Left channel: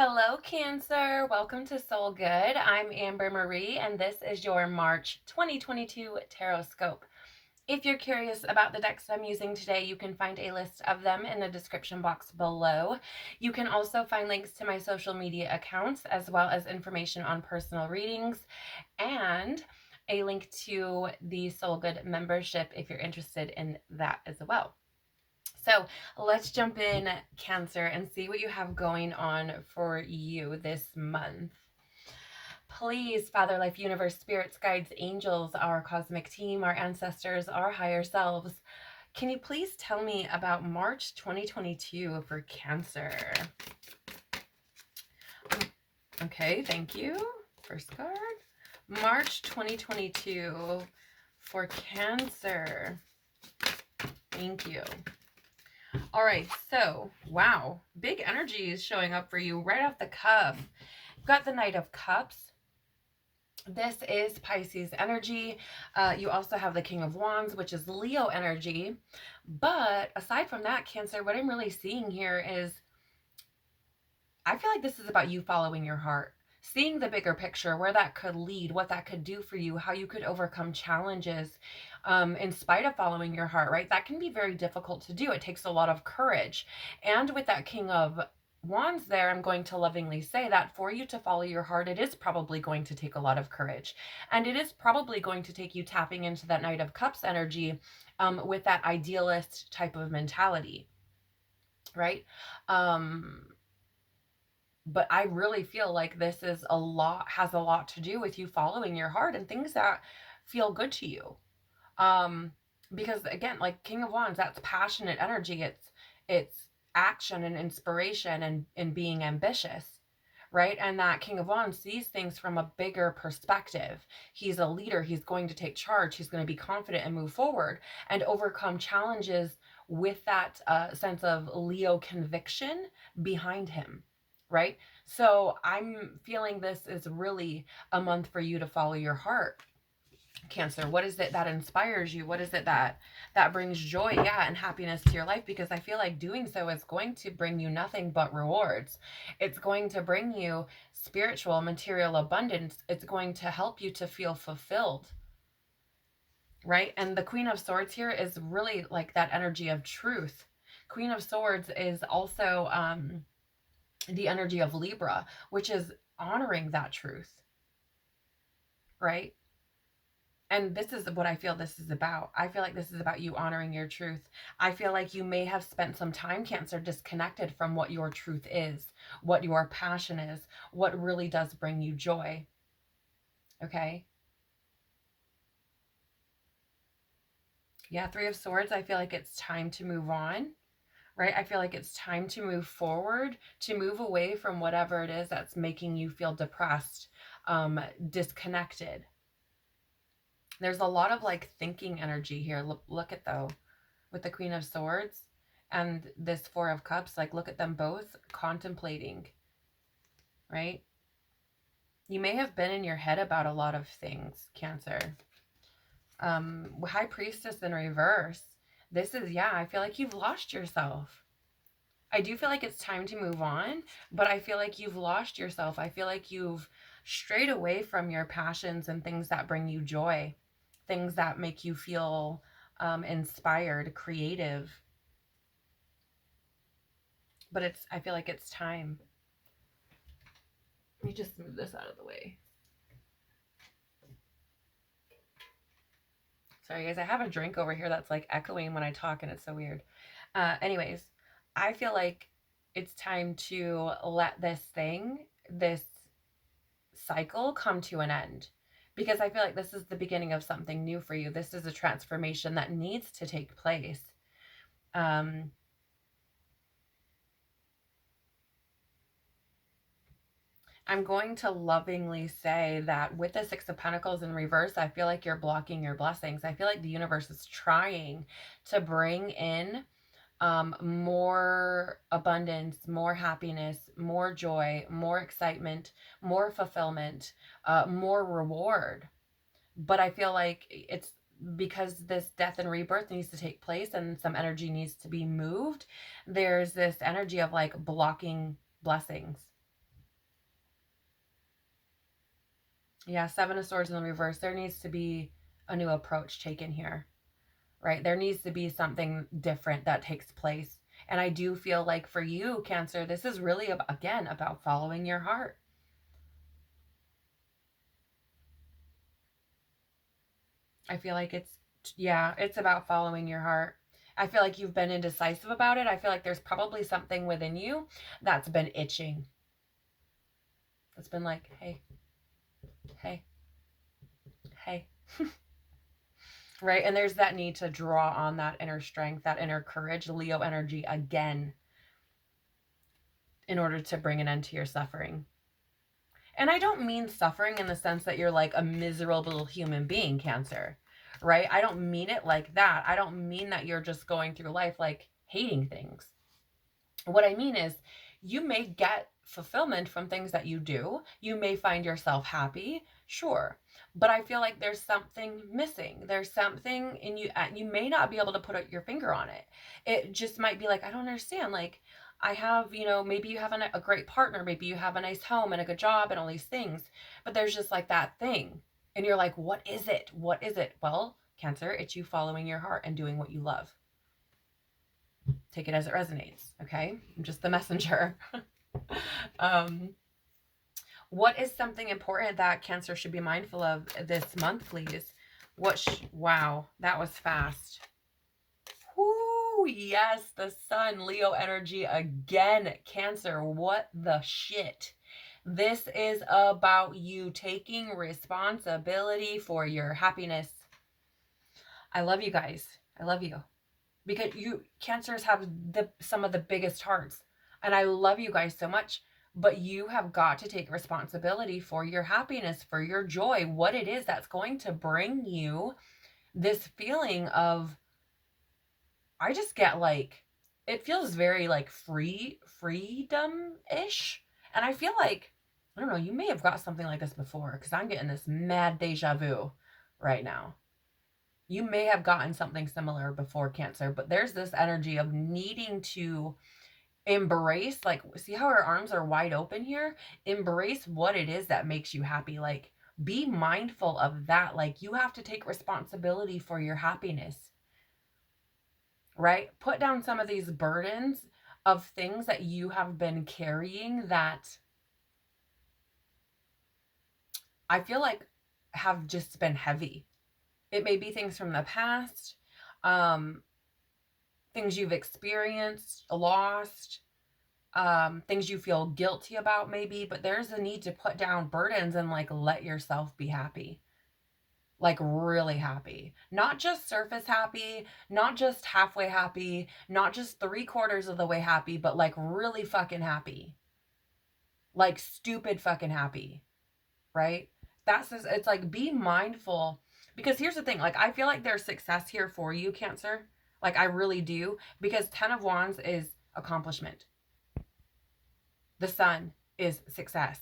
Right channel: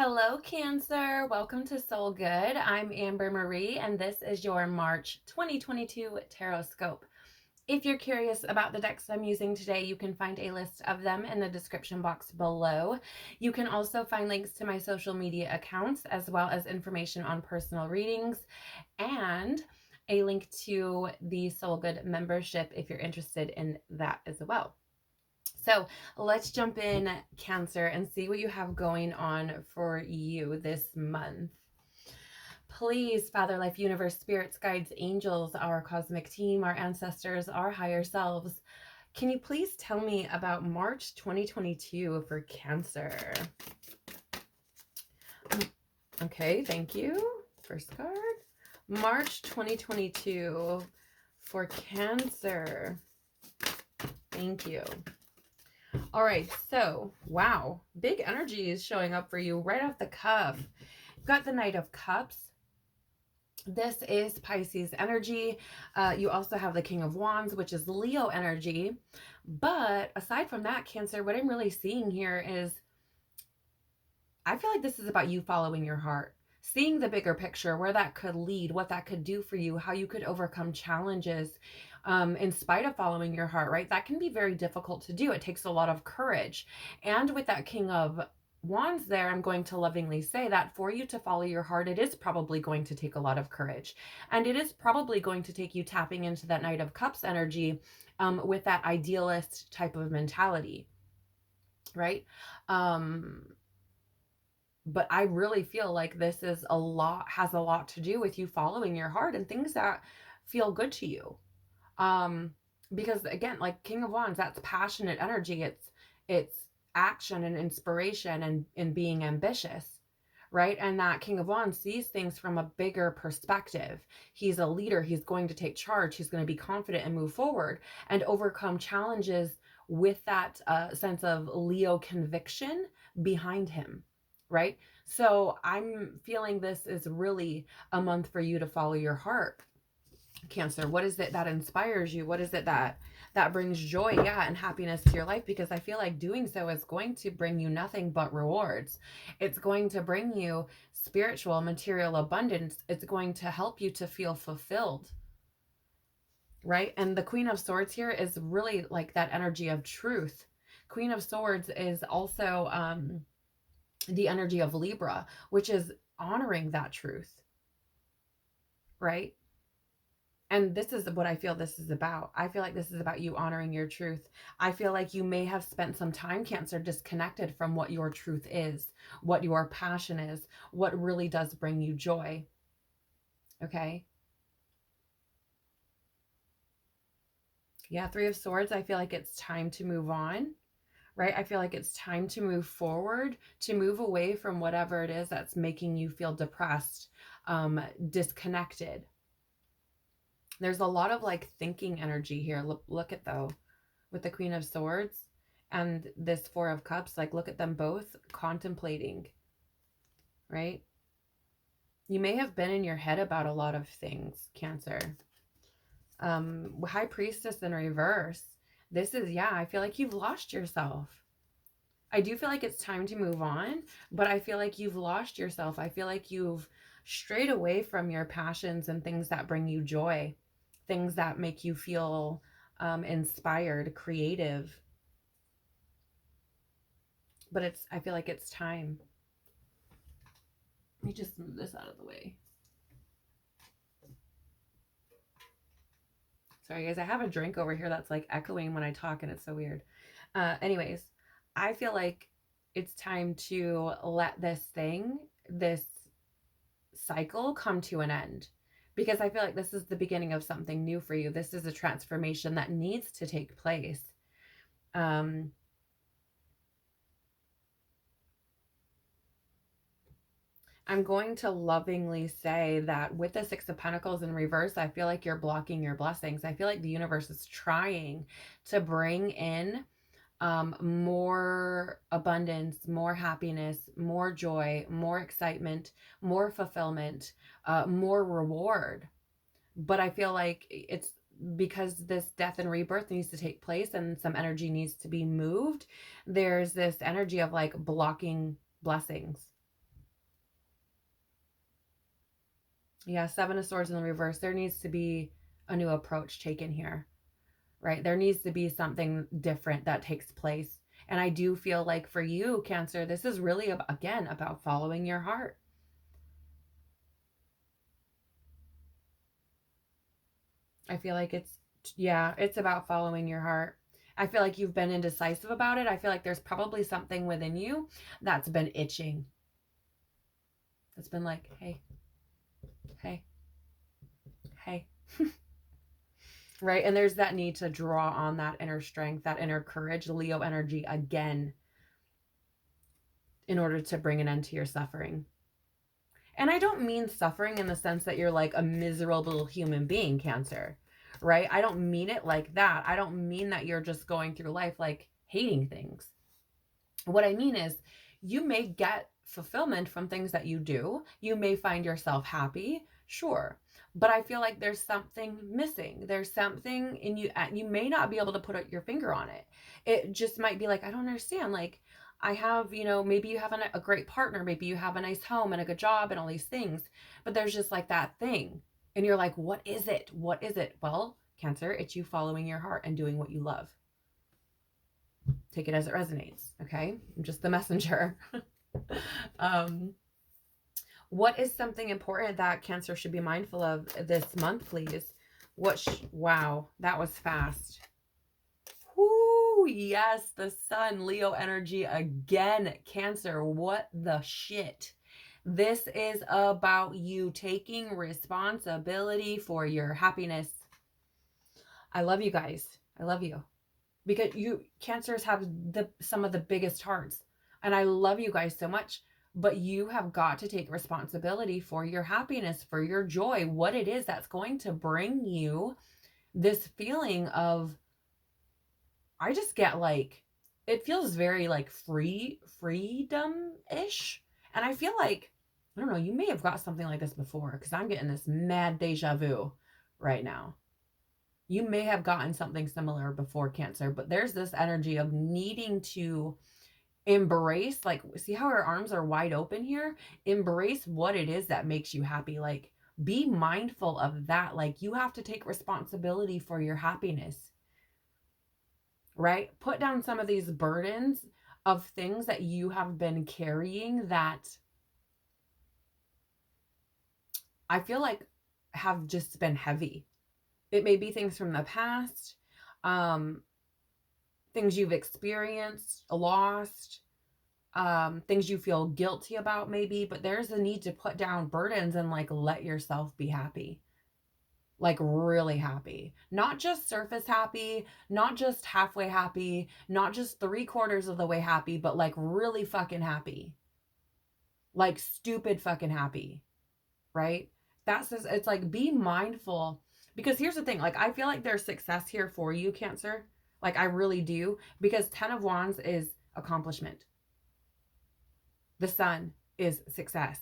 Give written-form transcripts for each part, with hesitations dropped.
Hello, Cancer. Welcome to Soul Good. I'm Amber Marie, and this is your March 2022 Tarotscope. If you're curious about the decks I'm using today, you can find a list of them in the description box below. You can also find links to my social media accounts, as well as information on personal readings, and a link to the Soul Good membership if you're interested in that as well. So let's jump in, Cancer, and see what you have going on for you this month. Please, Father, Life, Universe, Spirits, Guides, Angels, our cosmic team, our ancestors, our higher selves, can you please tell me about March 2022 for Cancer? Okay, thank you. First card. March 2022 for Cancer. Thank you. All right, so, wow, big energy is showing up for you right off the cuff. You've got the Knight of Cups. This is Pisces energy. You also have the King of Wands, which is Leo energy. But aside from that, Cancer, what I'm really seeing here is I feel like this is about you following your heart, seeing the bigger picture, where that could lead, what that could do for you, how you could overcome challenges in spite of following your heart, right? That can be very difficult to do. It takes a lot of courage. And with that King of Wands there, I'm going to lovingly say that for you to follow your heart, it is probably going to take a lot of courage. And it is probably going to take you tapping into that Knight of Cups energy with that idealist type of mentality, right? But I really feel like this is has a lot to do with you following your heart and things that feel good to you. Because again, like King of Wands, that's passionate energy. It's action and inspiration and being ambitious, right? And that King of Wands sees things from a bigger perspective. He's a leader. He's going to take charge. He's going to be confident and move forward and overcome challenges with that sense of Leo conviction behind him, right? So I'm feeling this is really a month for you to follow your heart, Cancer. What is it that inspires you? What is it that brings joy, yeah, and happiness to your life? Because I feel like doing so is going to bring you nothing but rewards. It's going to bring you spiritual, material abundance. It's going to help you to feel fulfilled, right? And the Queen of Swords here is really like that energy of truth. Queen of Swords is also the energy of Libra, which is honoring that truth, right? And this is what I feel this is about. I feel like this is about you honoring your truth. I feel like you may have spent some time, Cancer, disconnected from what your truth is, what your passion is, what really does bring you joy. Okay? Yeah, Three of Swords, I feel like it's time to move on, right? I feel like it's time to move forward, to move away from whatever it is that's making you feel depressed, disconnected. There's a lot of like thinking energy here. Look at though, with the Queen of Swords and this Four of Cups, like look at them both contemplating, right? You may have been in your head about a lot of things, Cancer. High Priestess in reverse. This is, yeah, I feel like you've lost yourself. I do feel like it's time to move on, but I feel like you've lost yourself. I feel like you've strayed away from your passions and things that bring you joy, things that make you feel inspired, creative. But I feel like it's time. Let me just move this out of the way. Sorry, guys, I have a drink over here that's like echoing when I talk, and it's so weird. Anyways, I feel like it's time to let this cycle come to an end, because I feel like this is the beginning of something new for you. This is a transformation that needs to take place. I'm going to lovingly say that with the Six of Pentacles in reverse, I feel like you're blocking your blessings. I feel like the universe is trying to bring in more abundance, more happiness, more joy, more excitement, more fulfillment, more reward. But I feel like it's because this death and rebirth needs to take place and some energy needs to be moved. There's this energy of like blocking blessings. Yeah, Seven of Swords in the reverse. There needs to be a new approach taken here, right? There needs to be something different that takes place. And I do feel like for you, Cancer, this is really, again, about following your heart. I feel like it's about following your heart. I feel like you've been indecisive about it. I feel like there's probably something within you that's been itching. It's been like, hey, hey, hey. Right? And there's that need to draw on that inner strength, that inner courage, Leo energy again, in order to bring an end to your suffering. And I don't mean suffering in the sense that you're like a miserable human being, Cancer, right? I don't mean it like that. I don't mean that you're just going through life like hating things. What I mean is, you may get fulfillment from things that you do. You may find yourself happy, sure. But I feel like there's something missing. There's something in you. You may not be able to put your finger on it. It just might be like, I don't understand. Like, I have, maybe you have a great partner. Maybe you have a nice home and a good job and all these things. But there's just like that thing. And you're like, what is it? What is it? Well, Cancer, it's you following your heart and doing what you love. Take it as it resonates, okay? I'm just the messenger. What is something important that Cancer should be mindful of this month, please? Wow, that was fast. Whoo, yes, the sun, Leo energy again. Cancer, what the shit? This is about you taking responsibility for your happiness. I love you guys. I love you. Because you Cancers have some of the biggest hearts, and I love you guys so much, but you have got to take responsibility for your happiness, for your joy, what it is that's going to bring you this feeling of, I just get like, it feels very like freedom-ish. And I feel like, I don't know, you may have got something like this before, because I'm getting this mad deja vu right now. You may have gotten something similar before, Cancer, but there's this energy of needing to embrace, like, see how her arms are wide open here? Embrace what it is that makes you happy. Like, be mindful of that. Like, you have to take responsibility for your happiness, right? Put down some of these burdens of things that you have been carrying that I feel like have just been heavy. It may be things from the past, things you've experienced, lost, things you feel guilty about maybe, but there's a need to put down burdens and like let yourself be happy. Like really happy. Not just surface happy, not just halfway happy, not just 3/4 of the way happy, but like really fucking happy. Like stupid fucking happy, right? That's just, it's like, be mindful, because here's the thing, like I feel like there's success here for you, Cancer. Like I really do, because 10 of Wands is accomplishment. The sun is success,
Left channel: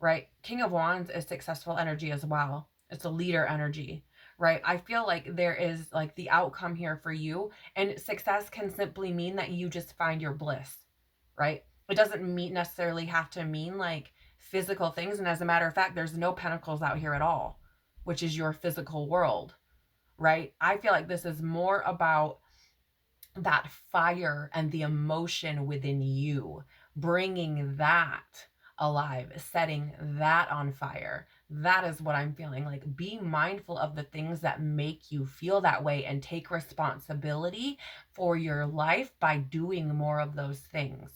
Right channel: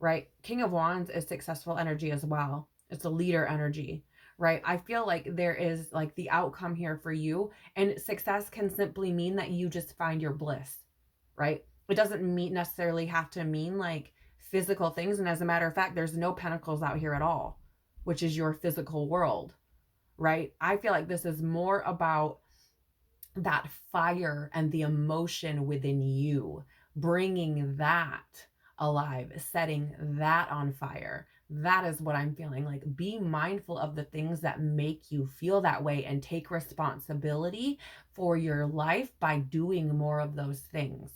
right? King of Wands is successful energy as well. It's a leader energy, right? I feel like there is like the outcome here for you, and success can simply mean that you just find your bliss, right? It doesn't necessarily have to mean like physical things. And as a matter of fact, there's no pentacles out here at all, which is your physical world, right? I feel like this is more about that fire and the emotion within you, bringing that alive, setting that on fire. That is what I'm feeling like. Be mindful of the things that make you feel that way and take responsibility for your life by doing more of those things,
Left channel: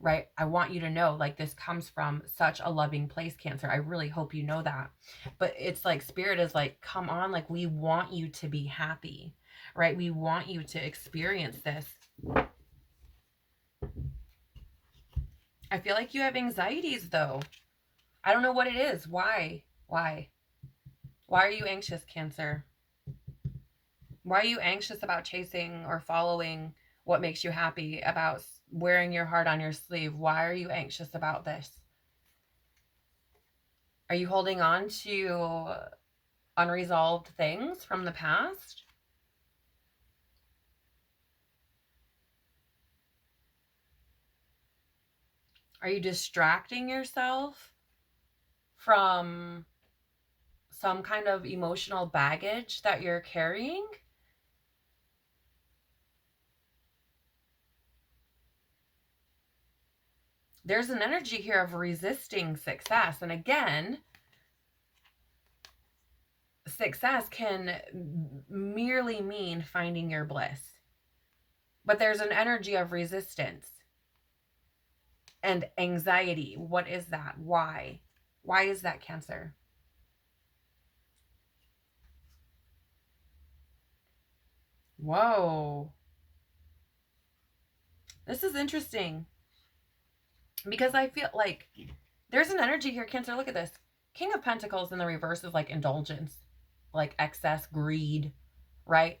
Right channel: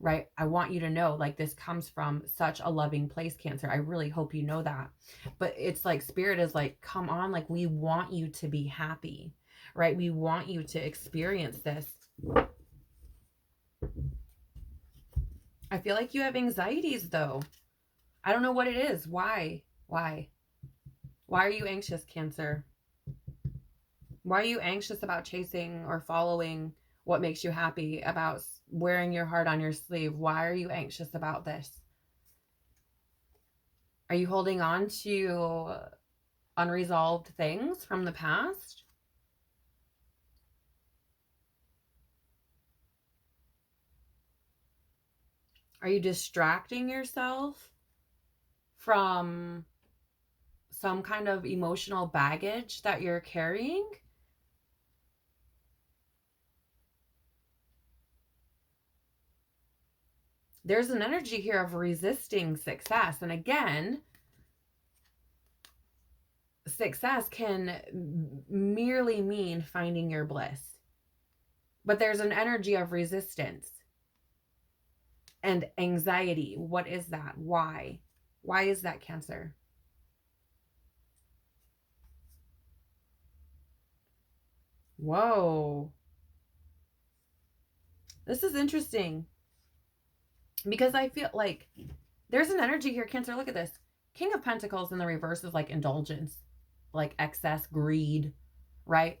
right? I want you to know, like, this comes from such a loving place, Cancer. I really hope you know that. But it's like Spirit is like, come on, like, we want you to be happy, right? We want you to experience this. I feel like you have anxieties though. I don't know what it is. Why? Why are you anxious, Cancer? Why are you anxious about chasing or following what makes you happy, about wearing your heart on your sleeve? Why are you anxious about this? Are you holding on to unresolved things from the past? Are you distracting yourself from some kind of emotional baggage that you're carrying. There's an energy here of resisting success. And again, success can merely mean finding your bliss. But there's an energy of resistance and anxiety. What is that? Why? Why is that, Cancer? Whoa. This is interesting because I feel like there's an energy here, Cancer. Look at this. King of Pentacles in the reverse is like indulgence, like excess, greed, right?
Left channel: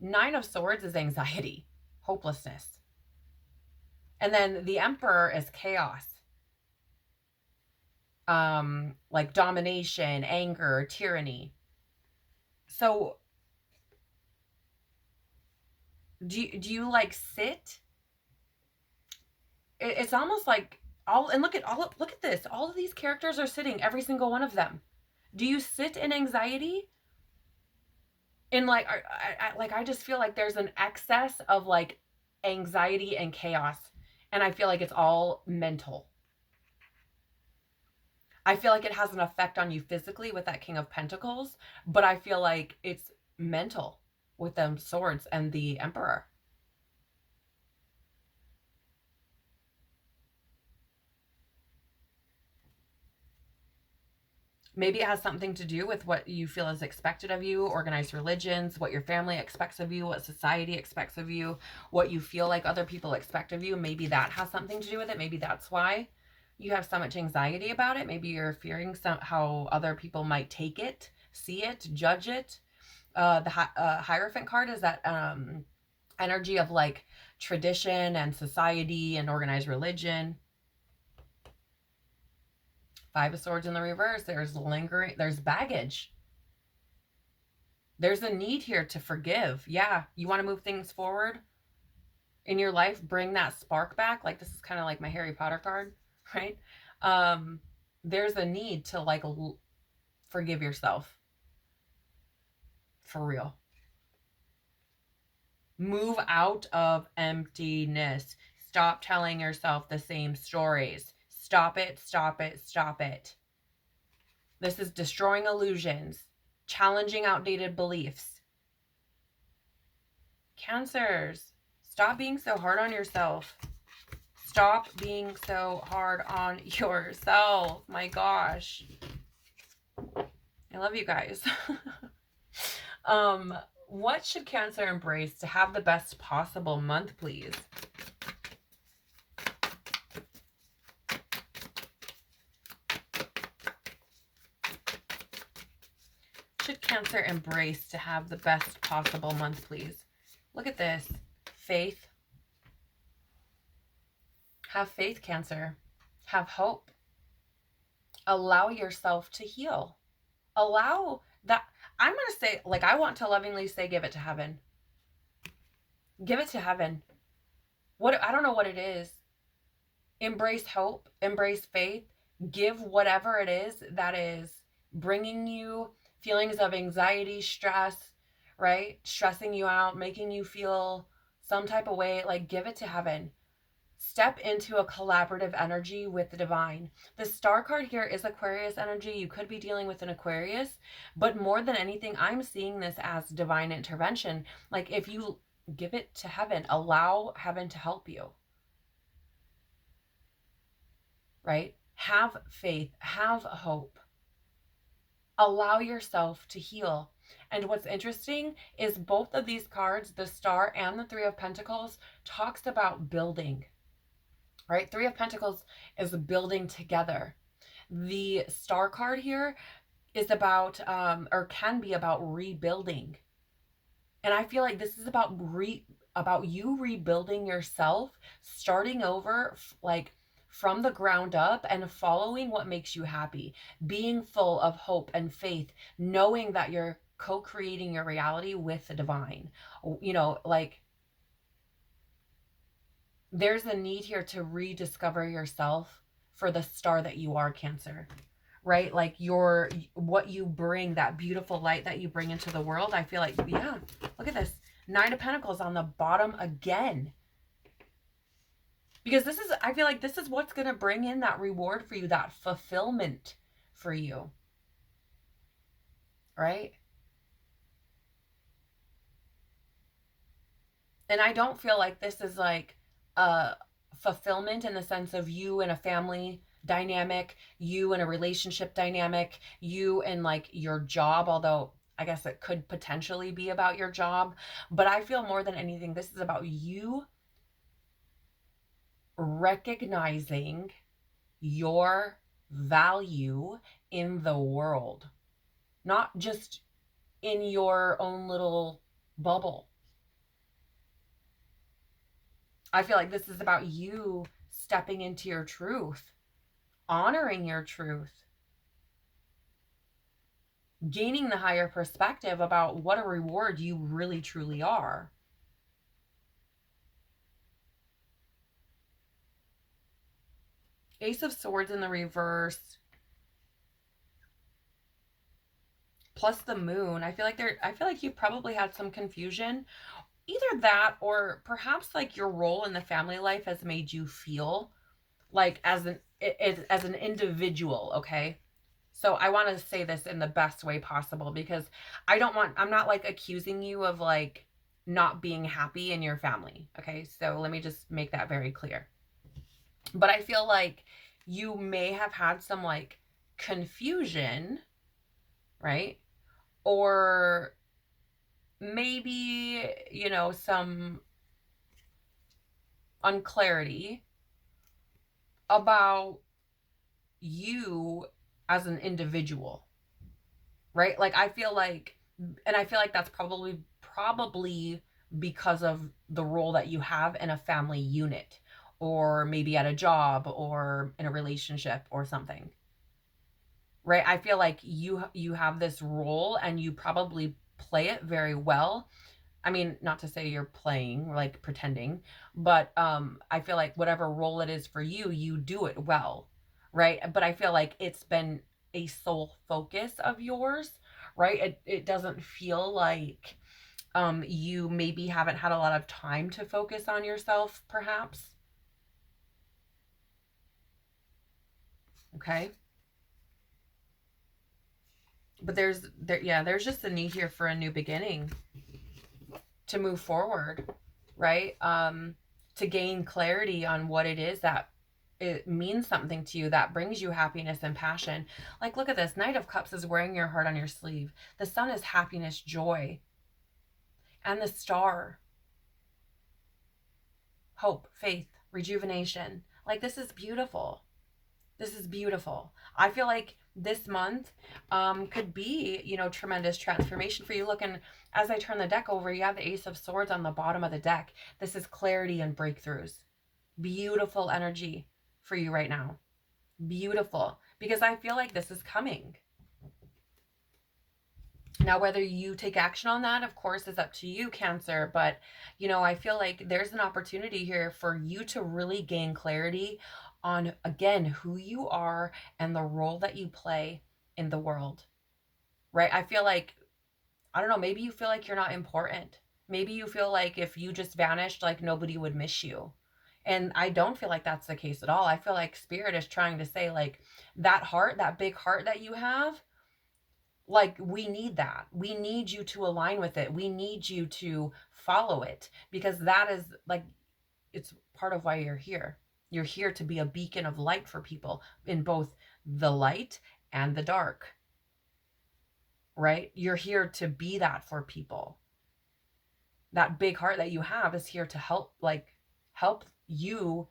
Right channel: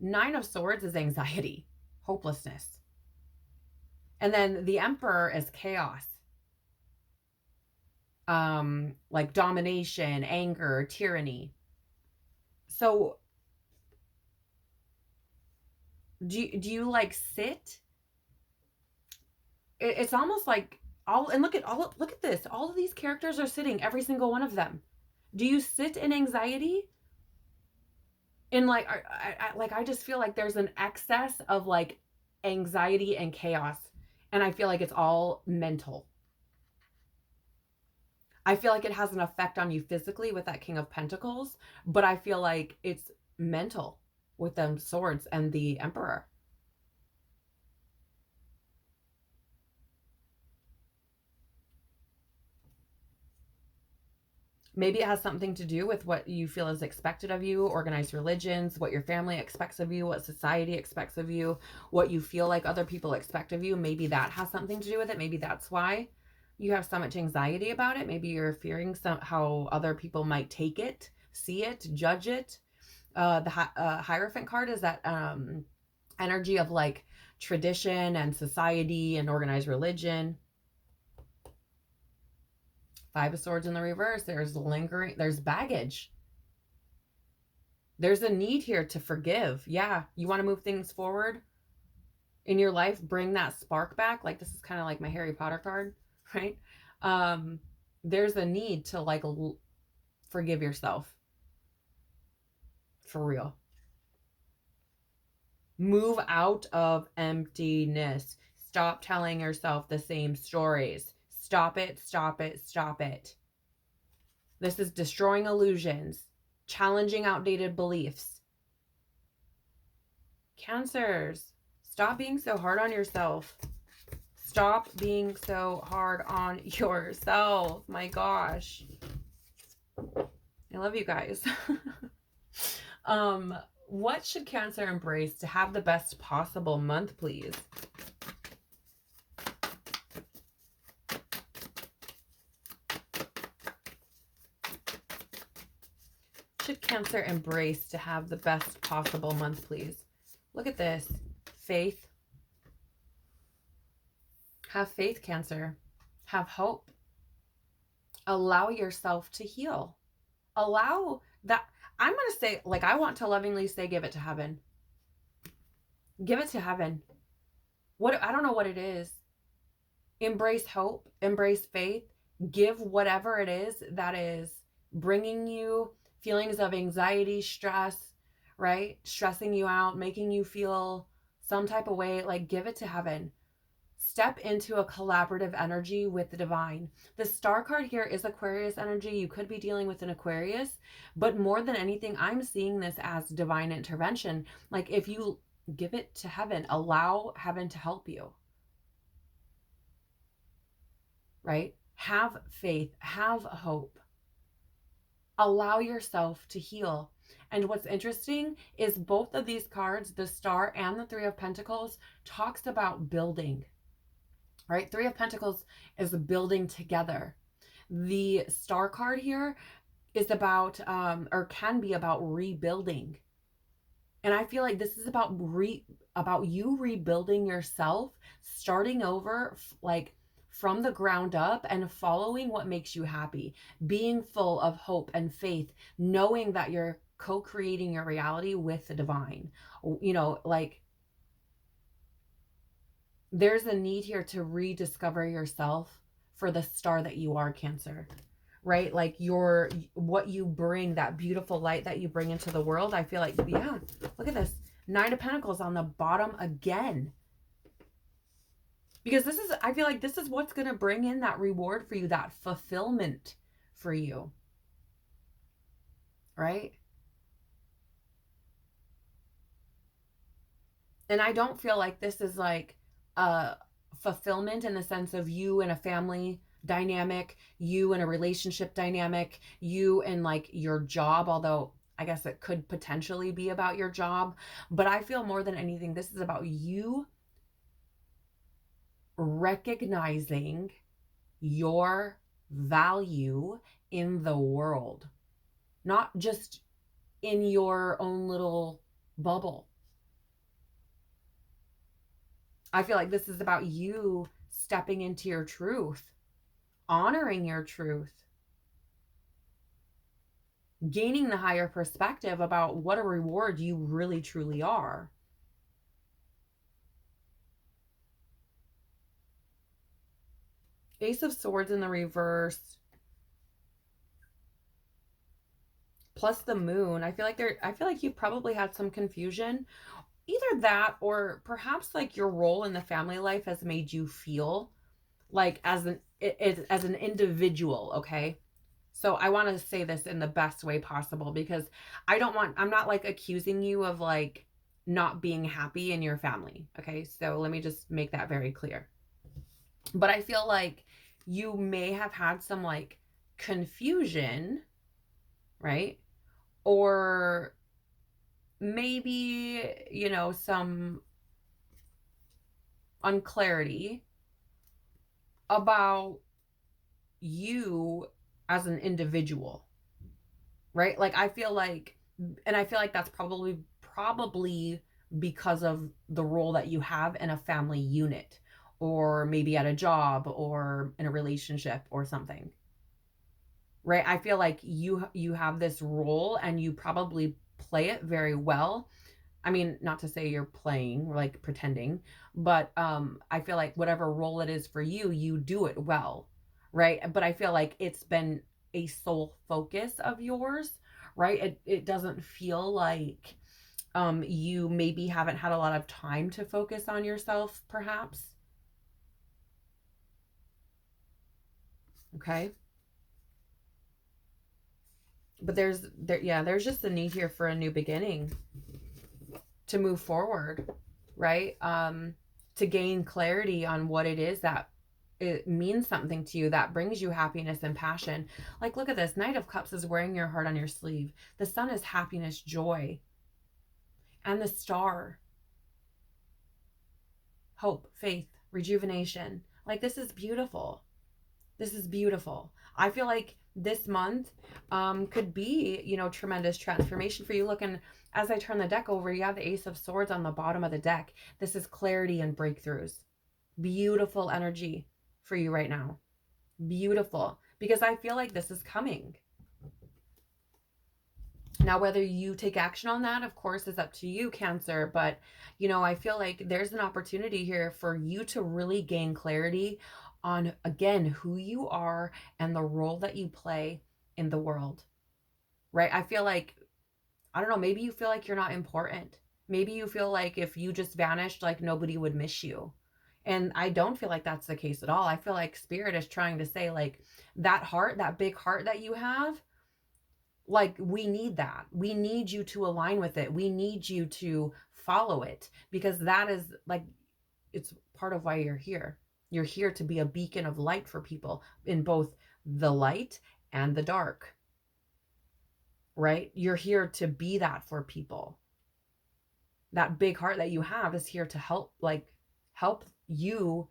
Nine of Swords is anxiety, hopelessness. And then the Emperor is chaos. Like domination, anger, tyranny. So do you like sit? It's almost like look at this. All of these characters are sitting, every single one of them. Do you sit in anxiety? In like I just feel like there's an excess of like anxiety and chaos, and I feel like it's all mental. I feel like it has an effect on you physically with that King of Pentacles, but I feel like it's mental with them swords and the Emperor. Maybe it has something to do with what you feel is expected of you, organized religions, what your family expects of you, what society expects of you, what you feel like other people expect of you. Maybe that has something to do with it. Maybe that's why you have so much anxiety about it. Maybe you're fearing how other people might take it, see it, judge it. The Hierophant card is that energy of like tradition and society and organized religion. Five of Swords in the reverse. There's lingering, there's baggage. There's a need here to forgive. Yeah, you want to move things forward in your life, bring that spark back. Like this is kind of like my Harry Potter card, right? There's a need to like forgive yourself. For real. Move out of emptiness. Stop telling yourself the same stories. Stop it, stop it, stop it. This is destroying illusions, challenging outdated beliefs. Cancers, stop being so hard on yourself. Stop being so hard on yourself. My gosh. I love you guys. What should Cancer embrace to have the best possible month, please? Should Cancer embrace to have the best possible month, please? Look at this. Faith. Have faith, Cancer. Have hope. Allow yourself to heal. Allow that. I'm going to say, like, I want to lovingly say, give it to heaven. Give it to heaven. I don't know what it is. Embrace hope. Embrace faith. Give whatever it is that is bringing you feelings of anxiety, stress, right? Stressing you out, making you feel some type of way. Like, give it to heaven. Step into a collaborative energy with the divine. The star card here is Aquarius energy. You could be dealing with an Aquarius, but more than anything, I'm seeing this as divine intervention. Like if you give it to heaven, allow heaven to help you, right? Have faith, have hope. Allow yourself to heal. And what's interesting is both of these cards, the Star and the Three of Pentacles, talks about building. Right? Three of Pentacles is building together. The Star card here is about, or can be about rebuilding. And I feel like this is about you rebuilding yourself, starting over, like from the ground up and following what makes you happy, being full of hope and faith, knowing that you're co-creating your reality with the divine. You know, like there's a need here to rediscover yourself for the star that you are, Cancer, right? Like what you bring, that beautiful light that you bring into the world. I feel like, yeah, look at this. Nine of Pentacles on the bottom again. Because I feel like this is what's going to bring in that reward for you, that fulfillment for you. Right? And I don't feel like this is like a fulfillment in the sense of you and a family dynamic, you and a relationship dynamic, you and like your job, although I guess it could potentially be about your job. But I feel more than anything, this is about you recognizing your value in the world, not just in your own little bubble. I feel like this is about you stepping into your truth, honoring your truth, gaining the higher perspective about what a reward you really truly are. Ace of Swords in the reverse, plus the moon. I feel like you've probably had some confusion. Either that, or perhaps like your role in the family life has made you feel like as an individual, okay? So I want to say this in the best way possible, because I'm not like accusing you of like not being happy in your family, okay? So let me just make that very clear. But I feel like you may have had some like confusion, right? Or maybe, some unclarity about you as an individual, right? Like I feel like, and I feel like that's probably because of the role that you have in a family unit, or maybe at a job or in a relationship or something, right? I feel like you have this role and you probably play it very well. I mean, not to say you're playing, like pretending, but I feel like whatever role it is for you, you do it well, right? But I feel like it's been a sole focus of yours, right? It doesn't feel like you maybe haven't had a lot of time to focus on yourself, perhaps. Okay. But there's just a need here for a new beginning, to move forward, right? To gain clarity on what it is that it means something to you, that brings you happiness and passion. Like, look at this. Knight of Cups is wearing your heart on your sleeve. The Sun is happiness, joy. And the Star, hope, faith, rejuvenation. Like, this is beautiful. This is beautiful. I feel like this month could be, tremendous transformation for you. Look, and as I turn the deck over, you have the Ace of Swords on the bottom of the deck. This is clarity and breakthroughs. Beautiful energy for you right now. Beautiful. Because I feel like this is coming. Now, whether you take action on that, of course, is up to you, Cancer. But, I feel like there's an opportunity here for you to really gain clarity on, again, who you are and the role that you play in the world, right? I feel like, I don't know, maybe you feel like you're not important. Maybe you feel like if you just vanished, like nobody would miss you. And I don't feel like that's the case at all. I feel like Spirit is trying to say, like, that heart, that big heart that you have, like, we need that. We need you to align with it. We need you to follow it, because that is like, it's part of why you're here. You're here to be a beacon of light for people in both the light and the dark, right? You're here to be that for people. That big heart that you have is here to help you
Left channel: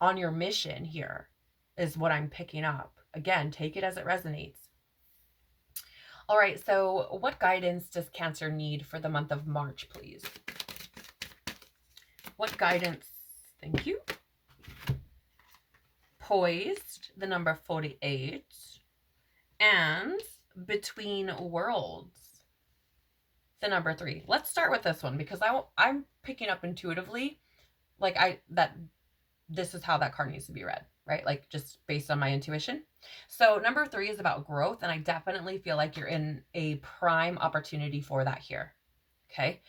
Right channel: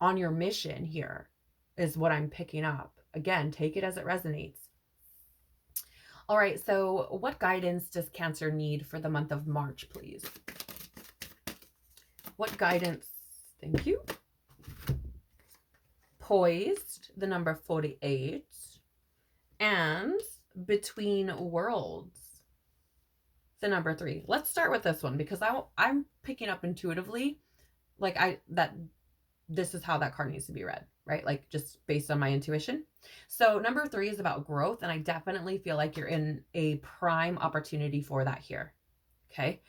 on your mission here, is what I'm picking up. Again, take it as it resonates. All right, so what guidance does Cancer need for the month of March, please? What guidance? Thank you. Poised, the number 48, and Between Worlds, the number 3. Let's start with this one, because I'm picking up intuitively, like that this is how that card needs to be read, right? Like just based on my intuition. So number 3 is about growth, and I definitely feel like you're in a prime opportunity for that here. Okay.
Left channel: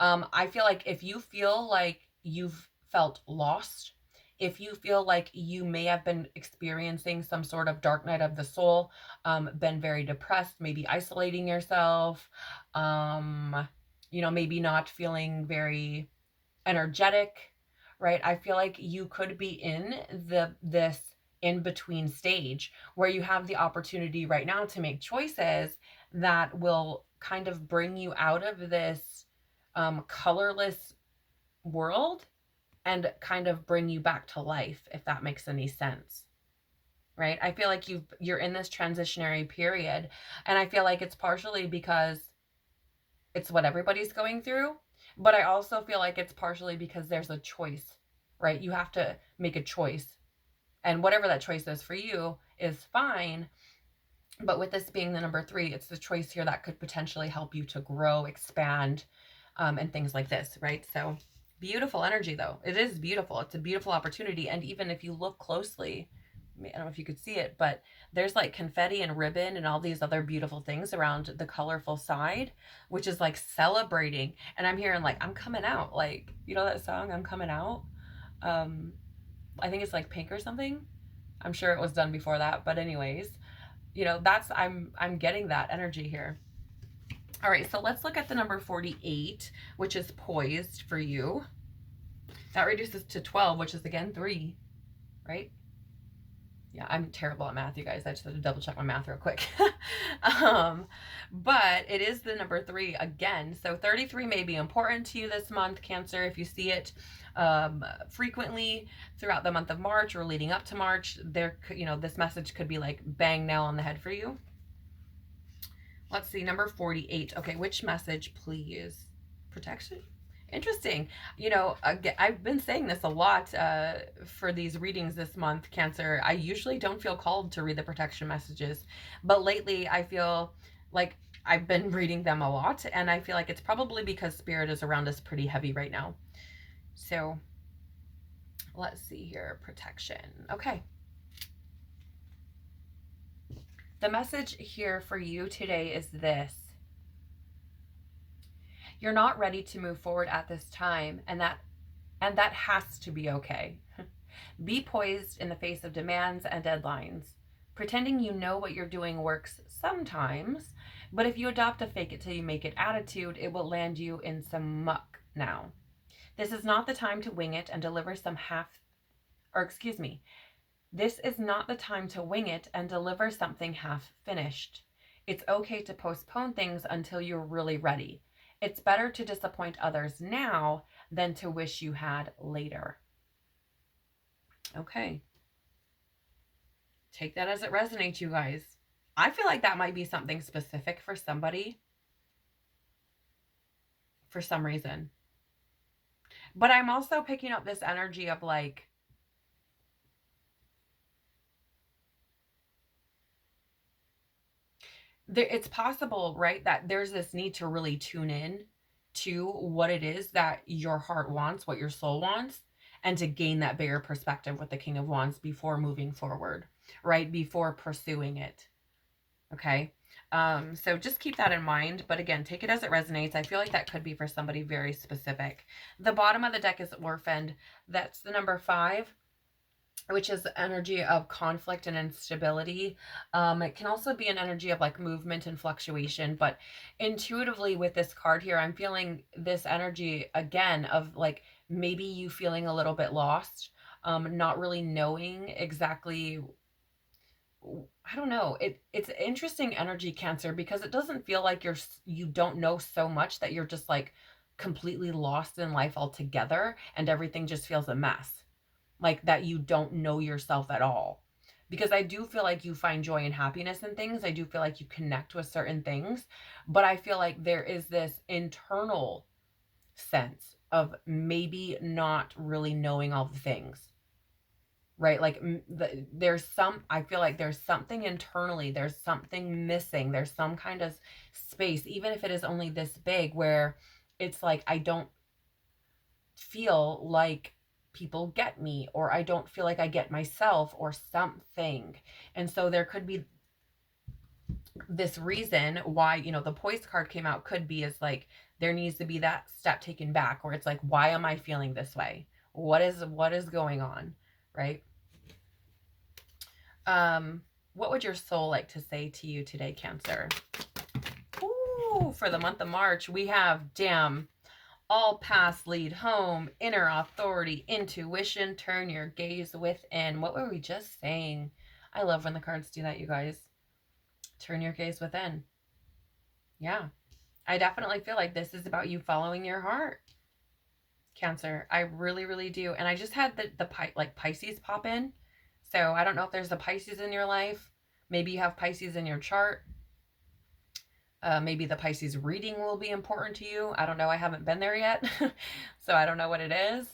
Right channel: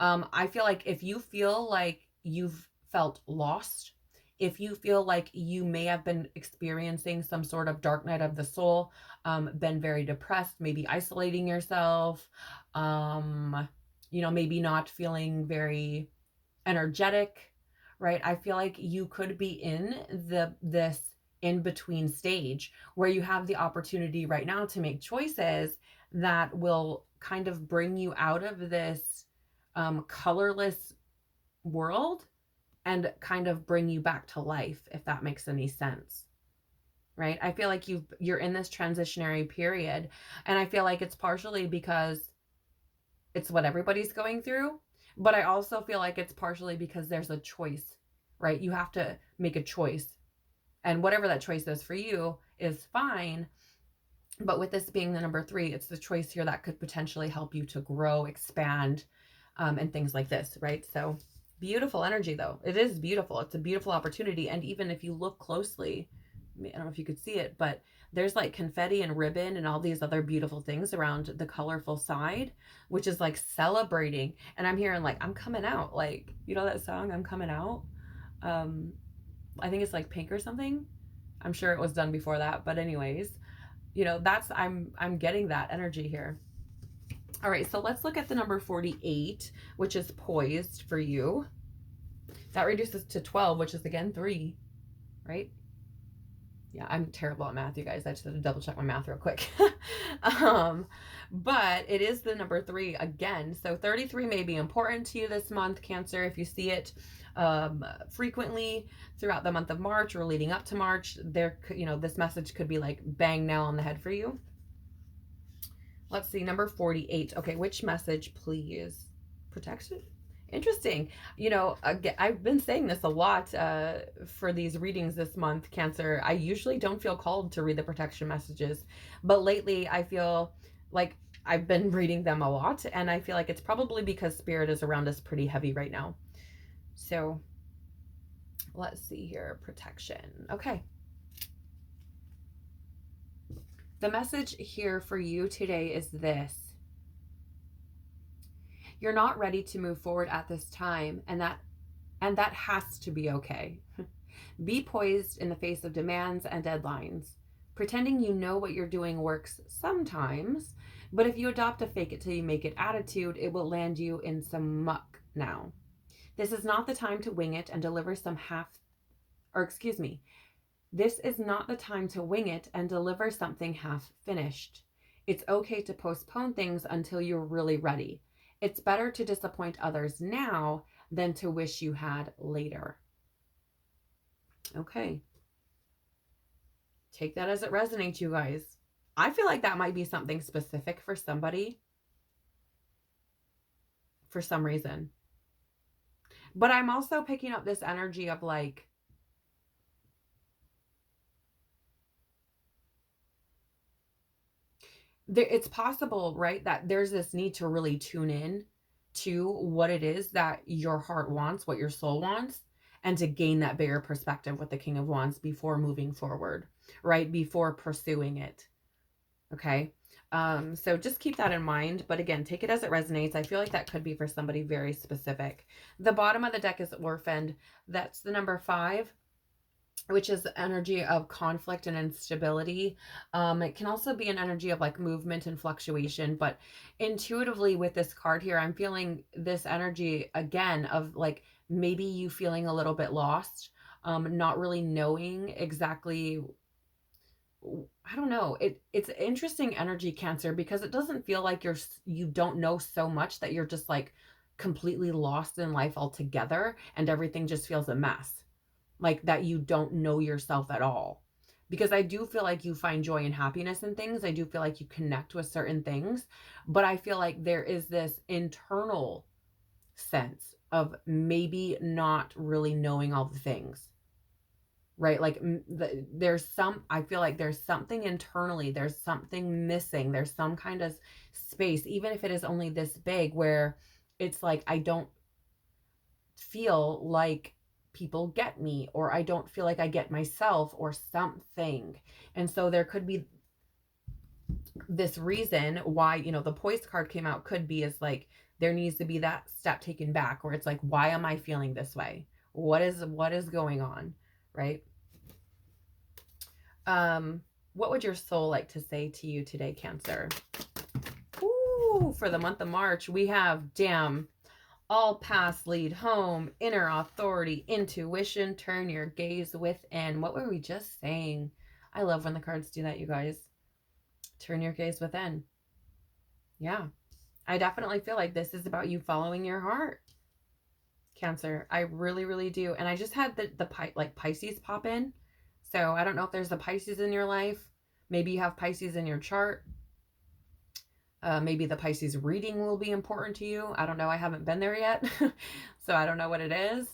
I feel like if you feel like you've felt lost, if you feel like you may have been experiencing some sort of dark night of the soul, been very depressed, maybe isolating yourself, maybe not feeling very energetic, right? I feel like you could be in this in between stage where you have the opportunity right now to make choices that will kind of bring you out of this colorless world and kind of bring you back to life, if that makes any sense. Right? I feel like you're in this transitionary period, and I feel like it's partially because it's what everybody's going through, but I also feel like it's partially because there's a choice, right? You have to make a choice, and whatever that choice is for you is fine. But with this being the number 3, it's the choice here that could potentially help you to grow, expand, and things like this, right? So beautiful energy, though. It is beautiful. It's a beautiful opportunity. And even if you look closely, I don't know if you could see it, but there's like confetti and ribbon and all these other beautiful things around the colorful side, which is like celebrating. And I'm hearing like, I'm coming out. Like, you know that song, I'm Coming Out? I think it's like Pink or something. I'm sure it was done before that. But anyways, that's I'm getting that energy here. All right, so let's look at the number 48, which is poised for you. That reduces to 12, which is again 3, right? Yeah, I'm terrible at math, you guys. I just had to double check my math real quick. But it is the number 3 again. So 33 may be important to you this month, Cancer. If you see it frequently throughout the month of March or leading up to March, this message could be like bang, nail on the head for you. Let's see, number 48. Okay, which message, please? Protection? Interesting. I've been saying this a lot for these readings this month, Cancer. I usually don't feel called to read the protection messages, but lately I feel like I've been reading them a lot, and I feel like it's probably because Spirit is around us pretty heavy right now. So let's see here. Protection. Okay. The message here for you today is this. You're not ready to move forward at this time, and that has to be okay. Be poised in the face of demands and deadlines. Pretending you know what you're doing works sometimes, but if you adopt a fake it till you make it attitude, it will land you in some muck now. This is not the time to wing it and deliver this is not the time to wing it and deliver something half finished. It's okay to postpone things until you're really ready. It's better to disappoint others now than to wish you had later. Okay. Take that as it resonates, you guys. I feel like that might be something specific for somebody for some reason. But I'm also picking up this energy of like, it's possible, right, that there's this need to really tune in to what it is that your heart wants, what your soul wants, and to gain that bigger perspective with the King of Wands before moving forward, right? Before pursuing it. Okay. So just keep that in mind. But again, take it as it resonates. I feel like that could be for somebody very specific. The bottom of the deck is Orphaned. That's the number 5, which is the energy of conflict and instability. It can also be an energy of like movement and fluctuation, but intuitively with this card here, I'm feeling this energy again of like maybe you feeling a little bit lost, not really knowing exactly. I don't know. It's interesting energy, Cancer, because it doesn't feel like you don't know so much that you're just like completely lost in life altogether and everything just feels a mess. Like that you don't know yourself at all. Because I do feel like you find joy and happiness in things. I do feel like you connect with certain things, but I feel like there is this internal sense of maybe not really knowing all the things. Right? Like I feel like there's something internally, there's something missing, there's some kind of space, even if it is only this big, where it's like, I don't feel like people get me, or I don't feel like I get myself, or something. And so there could be this reason why, you know, the poise card came out, could be is like there needs to be that step taken back, or it's like, why am I feeling this way? What is going on, right? What would your soul like to say to you today, Cancer? Ooh, for the month of March, we have damn, all paths lead home, inner authority, intuition, turn your gaze within. What were we just saying? I love when the cards do that, you guys. Turn your gaze within. Yeah. I definitely feel like this is about you following your heart, Cancer. I really, really do. And I just had the like Pisces pop in. So I don't know if there's a Pisces in your life. Maybe you have Pisces in your chart. Maybe the Pisces reading will be important to you. I don't know. I haven't been there yet. So I don't know what it is.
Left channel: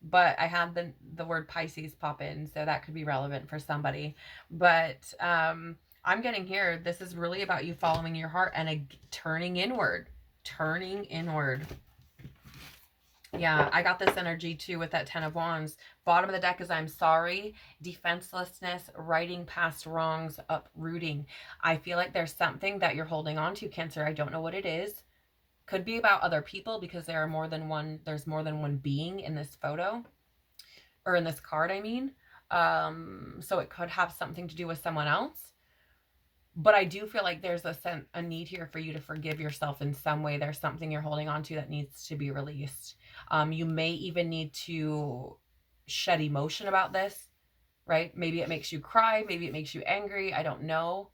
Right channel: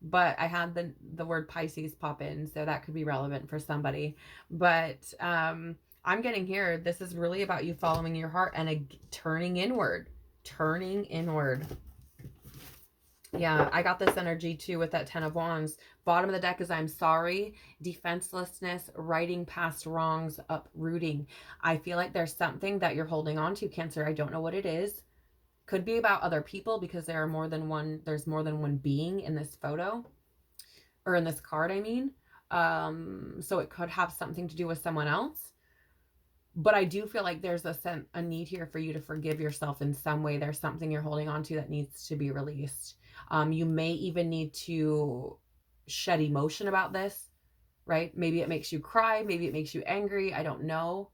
But I had the word Pisces pop in. So that could be relevant for somebody. But I'm getting here. This is really about you following your heart and turning inward. Turning inward. Yeah, I got this energy too with that 10 of Wands. Bottom of the deck is I'm sorry, defenselessness, righting past wrongs, uprooting. I feel like there's something that you're holding on to, Cancer. I don't know what it is. Could be about other people, because there's more than one being in this photo, or in this card, I mean. So it could have something to do with someone else. But I do feel like there's a need here for you to forgive yourself in some way. There's something you're holding on to that needs to be released. You may even need to shed emotion about this, right? Maybe it makes you cry. Maybe it makes you angry. I don't know.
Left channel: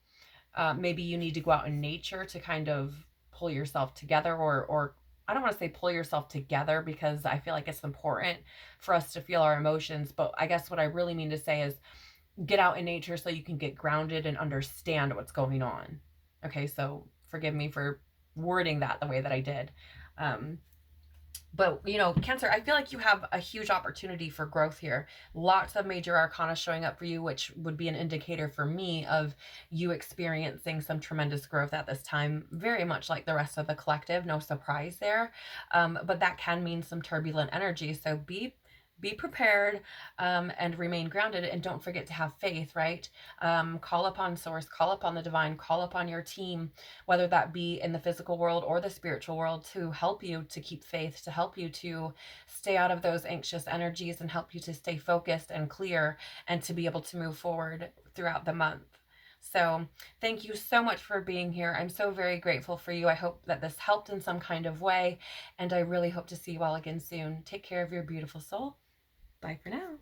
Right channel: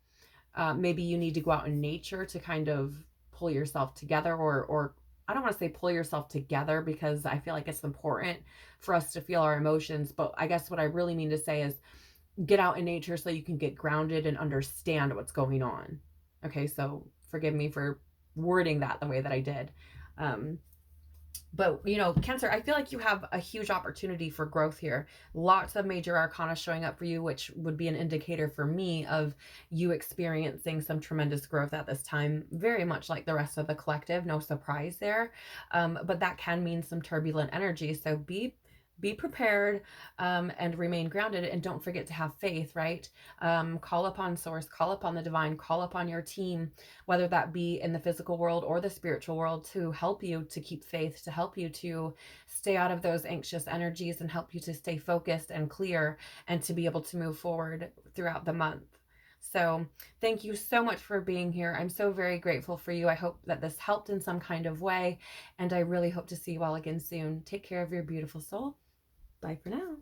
Maybe you need to go out in nature to kind of pull yourself together, or I don't want to say pull yourself together, because I feel like it's important for us to feel our emotions. But I guess what I really mean to say is get out in nature so you can get grounded and understand what's going on. Okay, so forgive me for wording that the way that I did. But, you know, Cancer, I feel like you have a huge opportunity for growth here. Lots of major arcana showing up for you, which would be an indicator for me of you experiencing some tremendous growth at this time, very much like the rest of the collective. No surprise there. But that can mean some turbulent energy. So be prepared, and remain grounded, and don't forget to have faith, right? Call upon source, call upon the divine, call upon your team, whether that be in the physical world or the spiritual world, to help you to keep faith, to help you to stay out of those anxious energies, and help you to stay focused and clear, and to be able to move forward throughout the month. So thank you so much for being here. I'm so very grateful for you. I hope that this helped in some kind of way, and I really hope to see you all again soon. Take care of your beautiful soul. Bye for now.